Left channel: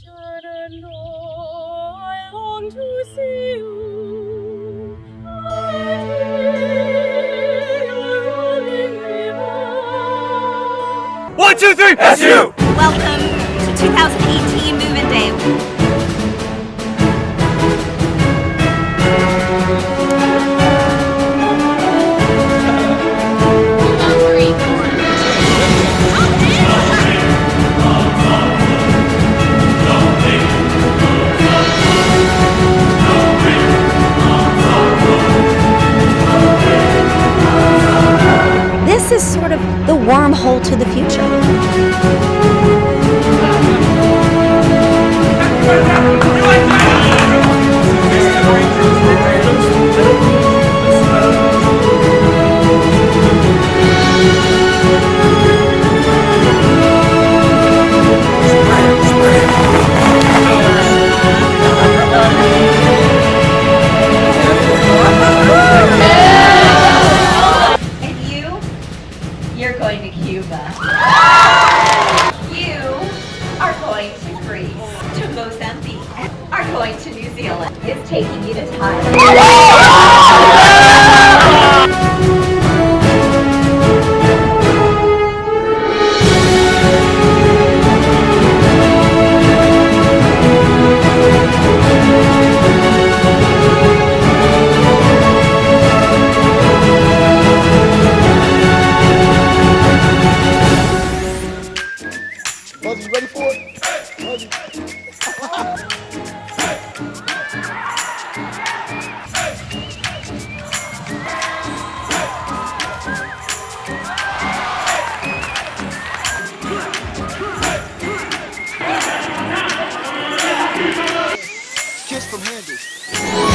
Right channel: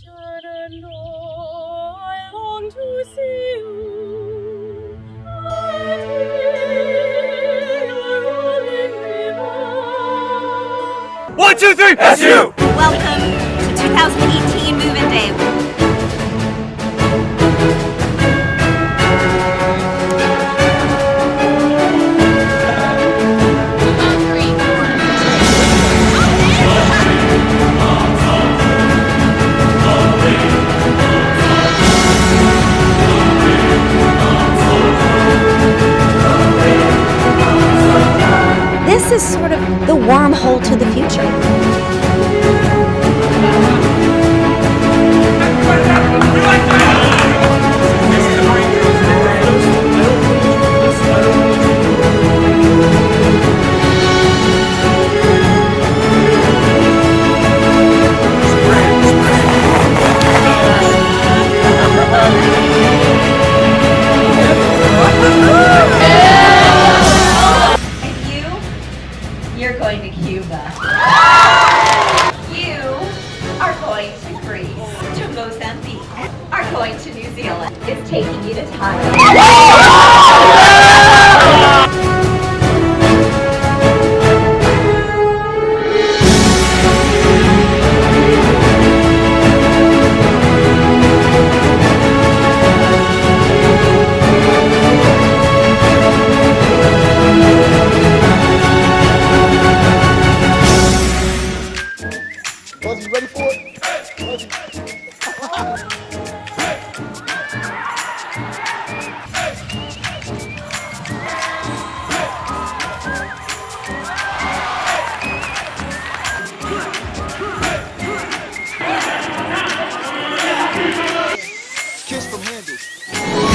Shenandoah, I long to see you. I hear your rolling river. 1, 2, 3, SU! Welcome to 2018 Move-In Day. This is sort of the wormhole to the future. You're going to Cuba. You are going to Greece, to Mozambique, are going to New Zealand. It's taking you to Thailand. Buzzy, you ready for it? Buzzy. Kiss from Handles.